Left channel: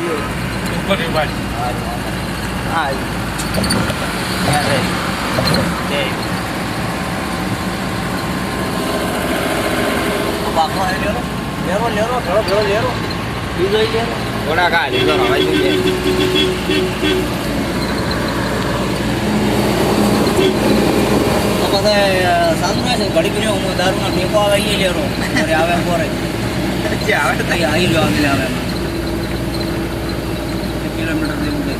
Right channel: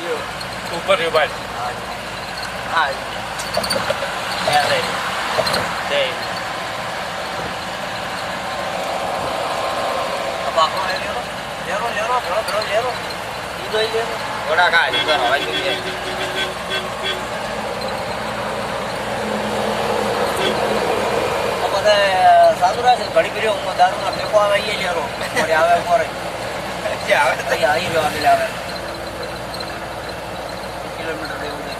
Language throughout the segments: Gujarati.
ઉપર ની બાજુ. હા ત્યાં રહી ઘોડા ખા લીધો હવાઈ જોઈએ બધા સાધુ રહે છે ઘડી કર્યો હું દારૂ ના ટેકો આવે એ લેરો આવે ઉપર આવે તો આવી જવા દે આવે કિલોમીટર જેવું કંઈ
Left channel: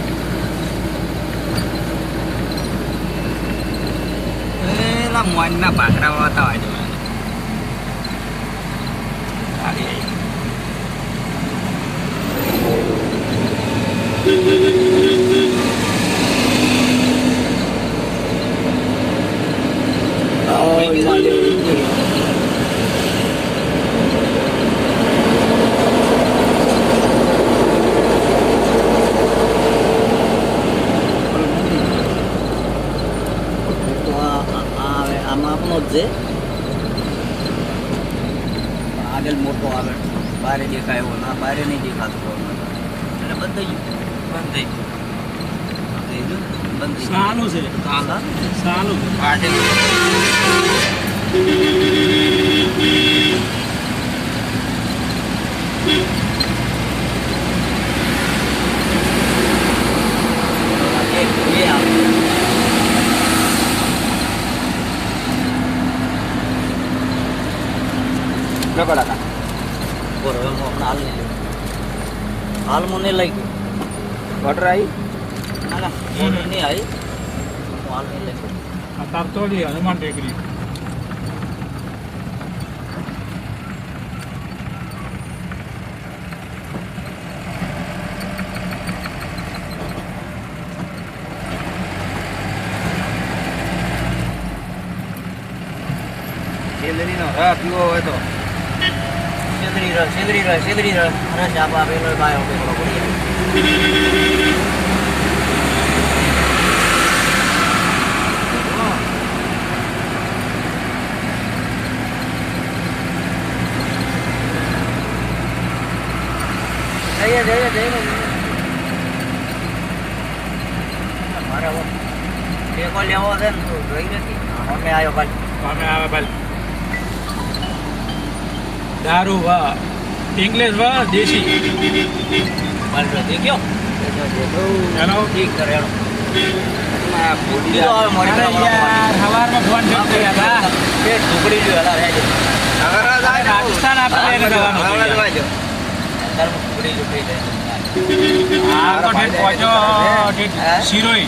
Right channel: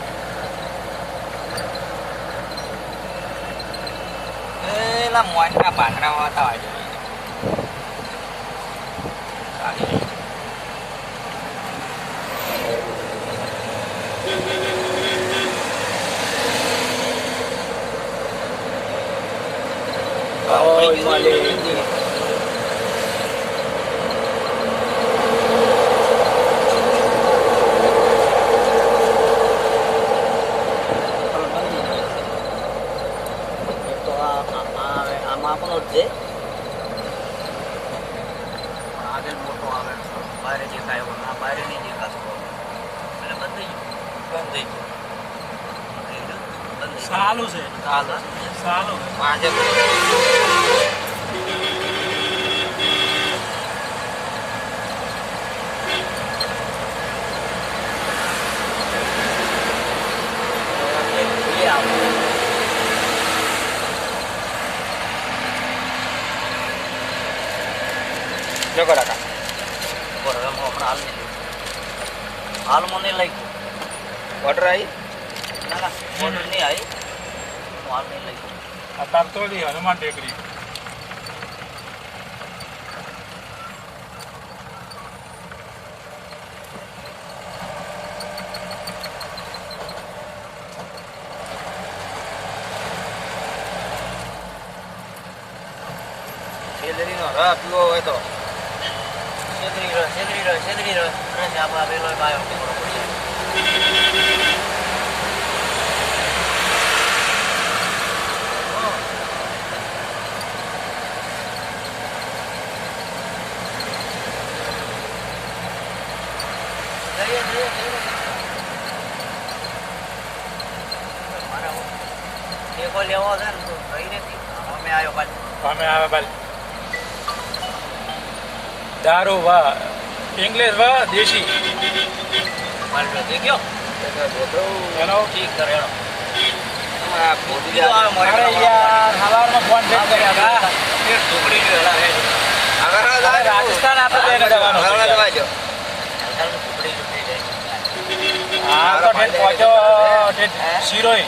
એલા મોજના પાથરામાં હતા વાજો આવી આમાં આપણો જ છે આગળ મોટો આવે બારે દેખાય એવો ના બારે નહીં દેખાતો એટલે બંધ થઈ ગયું બંધ સાલું છે સાલું આજે જોકો ડાકા હાલ મને લઈ ગયો વોટર આવી ના ના વોટર નહીં આવી હાલ નહીં લઈ ગયો અત્યાર તો હનુમાન ટેકરી શેદરીનો રસ પીવો હોય તો શેદરી રસ આપા પેલો બાયો પેલો જઈએ મારે ટેકો લેવો છે ને તો ગઈ નથી અમે આવ્યો કાલ દારૂ વા ઇંગ્લિશ વા દેશી કાલ જો દેખ્યો એનો ઠીક કરે એનો આ બોડી સવારમાં ફોન ફેક કરી હતા પેટ ઢોકળી ગયો એલા રહે રાજસ્થાન આપણે ઢોકળી શિરોઈ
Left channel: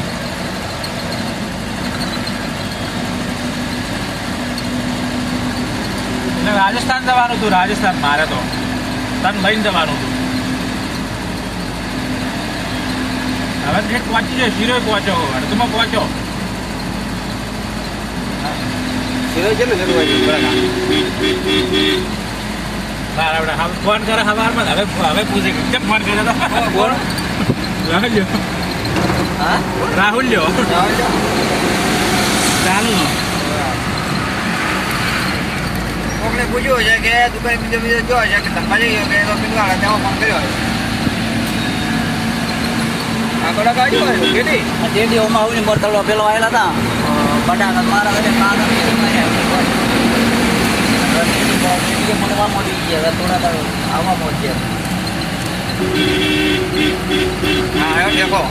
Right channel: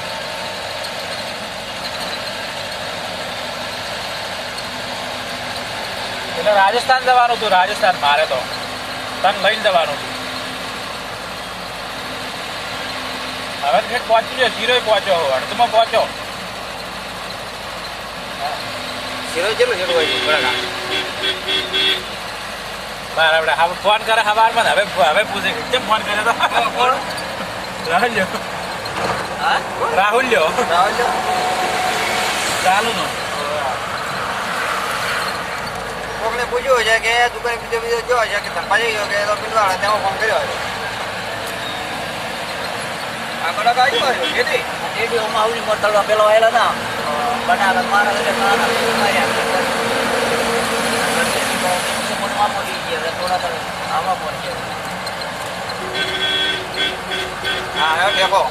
એટલે રાજસ્થાન જવાનું હતું રાજસ્થાન મારે તો તન ભાઈને જવાનું હતું હવે ઠેક પહોંચી જાય શિરોઈ પહોંચો અડધમાં પહોંચો શિરોઈ ચેલું હોય બરાબર હવે ફોન કરે સવારમાં હવે પૂછે કેમ ફોન કરે તો રાહુલ લ્યો ચાલુ નો કોકને પૂછ્યું છે કે દુકાન બીજો જો છે કે ધંધા જઈ કે તો બિલવાળા તેમાં ફોન કર્યો છે આગળ આવ્યો કેદી ઓમાં આવીને મોટલો પેલો આવેલો હતા બટાકા મારા અને મારા મોટી ગયા આમાં પહોંચ્યો હા આવ્યો ઠેકો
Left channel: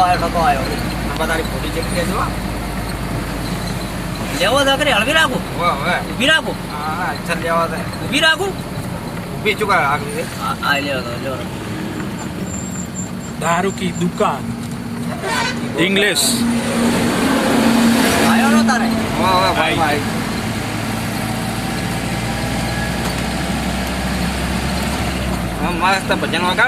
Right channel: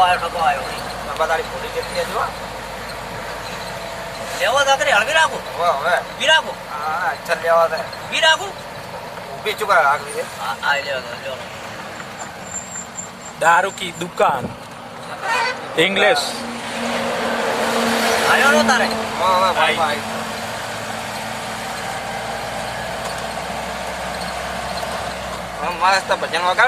આવ્યો તારી ફોટી જગ્યા જો લેવો તો કરી હળવી રાખું હવે ઊભી રાખું હા ચાલ લેવા દે ઊભી રાખું ઊભી ચુકા આગળ છે હા લેવો दारू की दुकान इंग्लिश आयो नो तारे हाँ भाई मस्त भजन वगैरह